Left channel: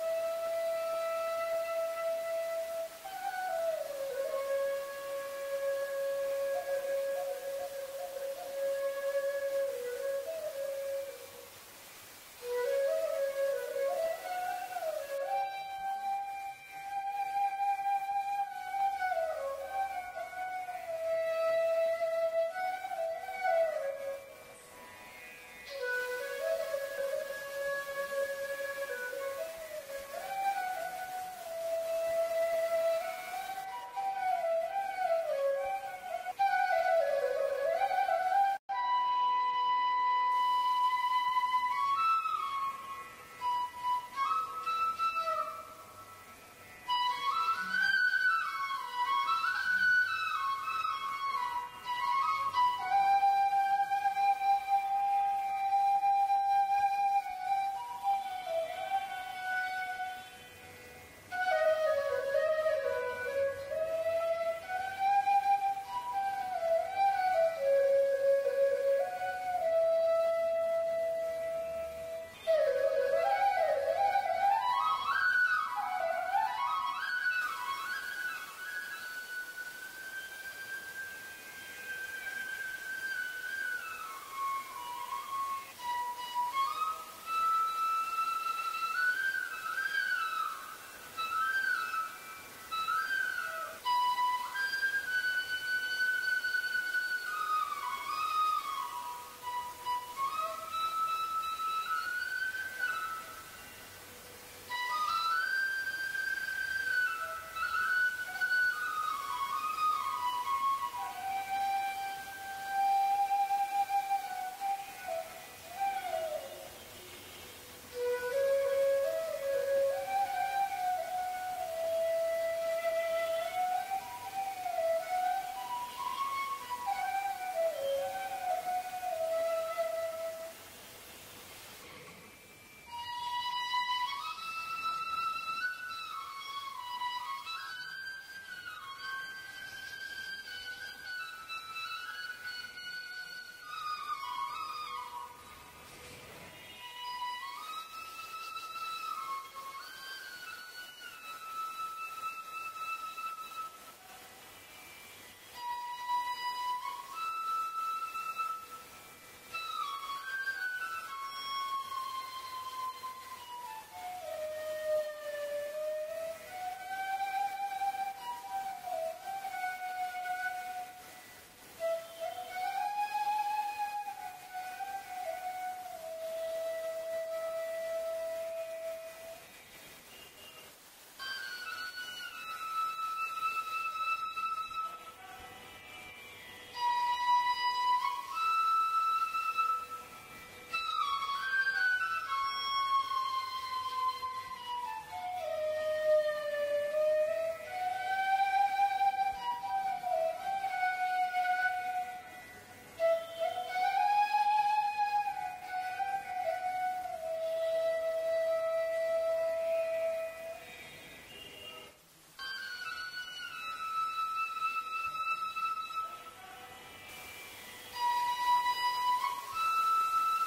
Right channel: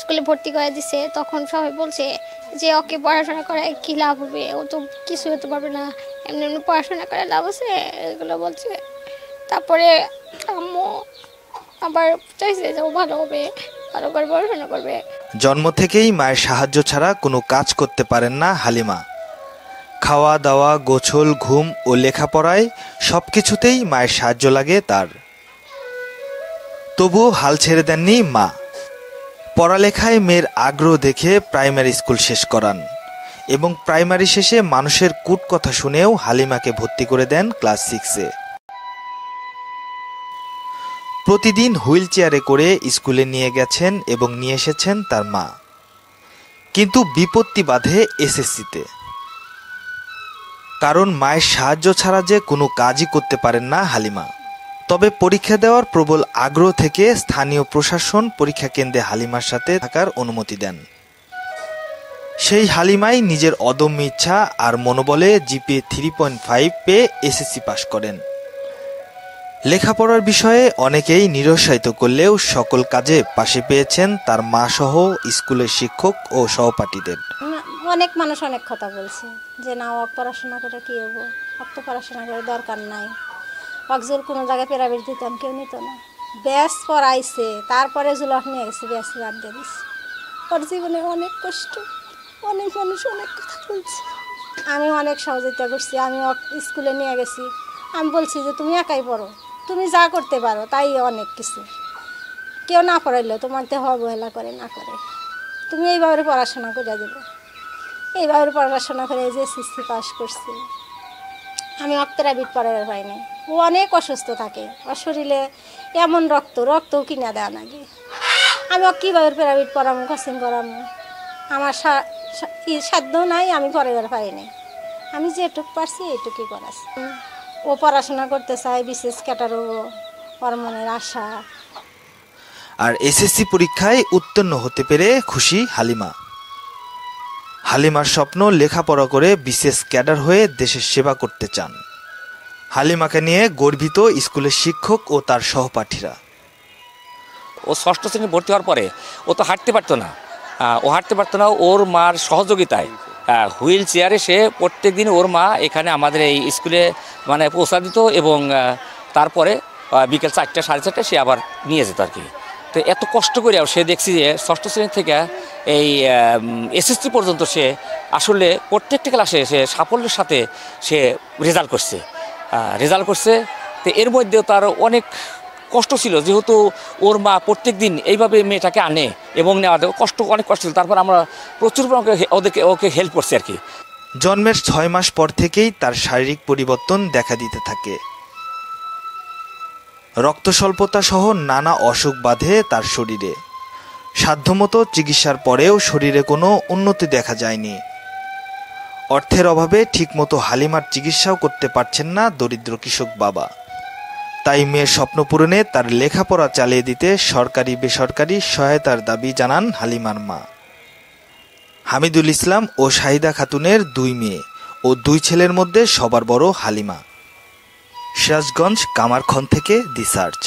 স্কুলে ভর্তি করে দিছে, তখন সবাই বলছে যে ওকে পড়াশোনা করে কী লাভ হবে, ও তো কিছু হতে পারবে না, এমনি এমনি পড়াশোনা করে লাভ আছে, এগুলো বলছে। তারপরে আম্মু আবার চাইছে যে ও ভালো হবে, ভালো করে পড়াশোনা করবে। জন্ম থেকেই মায়ের সাহায্য ছাড়া কোনো কাজ করতে পারেন না হালিমা। খাওয়া দাওয়া, গোছল, ঘুম ও লেখাপড়ায় সবকিছুতেই মায়ের সাহায্য লাগে তার। তবুও হাল ছেড়ে দেননি মা। পড়ালেখায় মেয়ের আগ্রহ দেখে প্রাইমারি স্কুল শেষ করান এবং প্রাইমারি শেষে মানুষের কূটকথা শুনেও হালিমাকে ভর্তি করে দেন ক্লাস 6-এ। প্রতিদিন হুইল চেয়ারে করে স্কুলে নিয়ে গেছেন এবং নিয়ে এসেছেন তার মা। কিন্তু বিপত্তি বাধে এসএসসিতে, কারণ মায়ের সাহায্য ছাড়া যে কোনো কাজই করতে পারেন না হালিমা। তবে পরীক্ষা দেওয়ার প্রবল আগ্রহ থেকে স্থানীয় প্রশাসন পরীক্ষা কেন্দ্রে হালিমার সাথে থাকার অনুমতি দেন। সেই হালিমাই নিজের অদম্য ইচ্ছা আর মনোবলে জিপিএ 3.5 পেয়ে এসএসসি পাশ করেন। লেখাপড়ার বিষয়ে অনেকেই নিরুৎসাহিত করলেও সকল কাজে পাশে পেয়েছেন তার মা সহ স্কুলের শিক্ষক ও সহপাঠীদের। অনেক মানুষ অনেক কথা বলছে যে না, ওক পড়াশোনা করে কী হবো, ওক তো পড়াশোনা করে দরকার নাই, অকজোর কোনো জায়গায় প্রাইভেট দিতাম, কেউ নিত না। ব্যাস পড়াইছে, তারপরে জুলক নিয়ে গেছে, ব্যাস বাদ দিয়ে দিচ্ছে। ওর জীবনে অনেক কষ্ট, অনেক মানুষ অনেক কথা বলছে। আমি অনেক সহযোগিতা করছি, আমি স্কুলে নিয়ে গেছি, আমি বলছি যে তুমি একাই পড়ো, তুমি যা করতে পারো তাই অনেক কিছু। কেউ না পড়াইলেও তোমার দেহ অবহেলা করে না করে, তুমি এইভাবে পড়াশোনা করে দেবে। এইভাবে পড়াশোনা করে যে এসএসসি পাস করছি। আমি প্রাইভেট পড়াবার পাইনি, ও অনেক অসুস্থ থাকে, ওর শরীরে এমন রক্তও কিনা দেওয়া নাকি। আমি কীভাবে প্রাইভেট পড়াবো, কোচিং করাবো, আমার সাধ্য নাই, আমি পড়াবার পারিনি। আমি যেটুকু পারছি এইটুকুই করাচ্ছি। ও পড়াশোনা করতে চায়, বিশেষ ক্যাটার হবো, ওর মনের আশা। আর এসএসসি পরীক্ষায় উত্তীর্ণ হতে পেরে খুশি হালিমা। হালিমার স্বপ্ন লেখাপড়া করে বিশেষ ক্যাডার হয়ে দেশের সেবা করতে চান। হালিমাকে নিয়ে গর্বিত স্কুলের শিক্ষক ও তার সহপাঠীরা। ও ষষ্ঠ শ্রেণী ভর্তি হওয়ার পরে ও তো হাঁটতে পারতো না, ওর মার সহযোগিতায় হুইল চেয়ারে সে প্রত্যেক দিন ওর মা এখানে আমাদের এই স্কুলে মানে পৌঁছা দিত এবং তারপরে বিকেল 4টা 4:30 সে আবার নিয়ে যেত আর কি। তো এত কষ্ট করে সে দেখছি যে ষষ্ঠ শ্রেণী থেকে এই এসএসসি পর্যন্ত সে আসলে প্রত্যেকটা ক্লাসে সে সাফল্যের সাথে সে রেজাল্ট করছে। তো এর মধ্যেও তার অনেক কষ্ট ছিল, যেহেতু ওর মা প্রত্যেক দিন এইভাবে মেয়েটাকে আনে এবং নেওয়া অনেক কষ্ট ছিল। তারপর আমরা প্রচুর ওকে হেল্প করছি আর কি। জন্মের 6 মাস পর থেকেই তার শারীরিক পরিবর্তন দেখা দিতে থাকে। রক্ত স্বল্পতা সহ নানা অসুখ বাধে তার শরীরে। সাধ্যমতো চিকিৎসার পরেও শরীরে কোনো উন্নতি দেখা যায়নি। অর্থের অভাবে ঠিকমতো হালিমার চিকিৎসাও করতে পারছেন না দরিদ্র কৃষক বাবা। তাই মেয়ের স্বপ্ন পূরণে তার লেখাপড়া চালিয়ে দিতে সরকারি বেসরকারি সহায়তার দাবি জানান হালিমার মা। হামিদুল ইসলাম ও শাহিদা খাতুনের 2 মেয়ে ও 2 ছেলের মধ্যে সবার বড় হালিমা। সিরাজগঞ্জ, কামারখান থেকে দি সার্চ।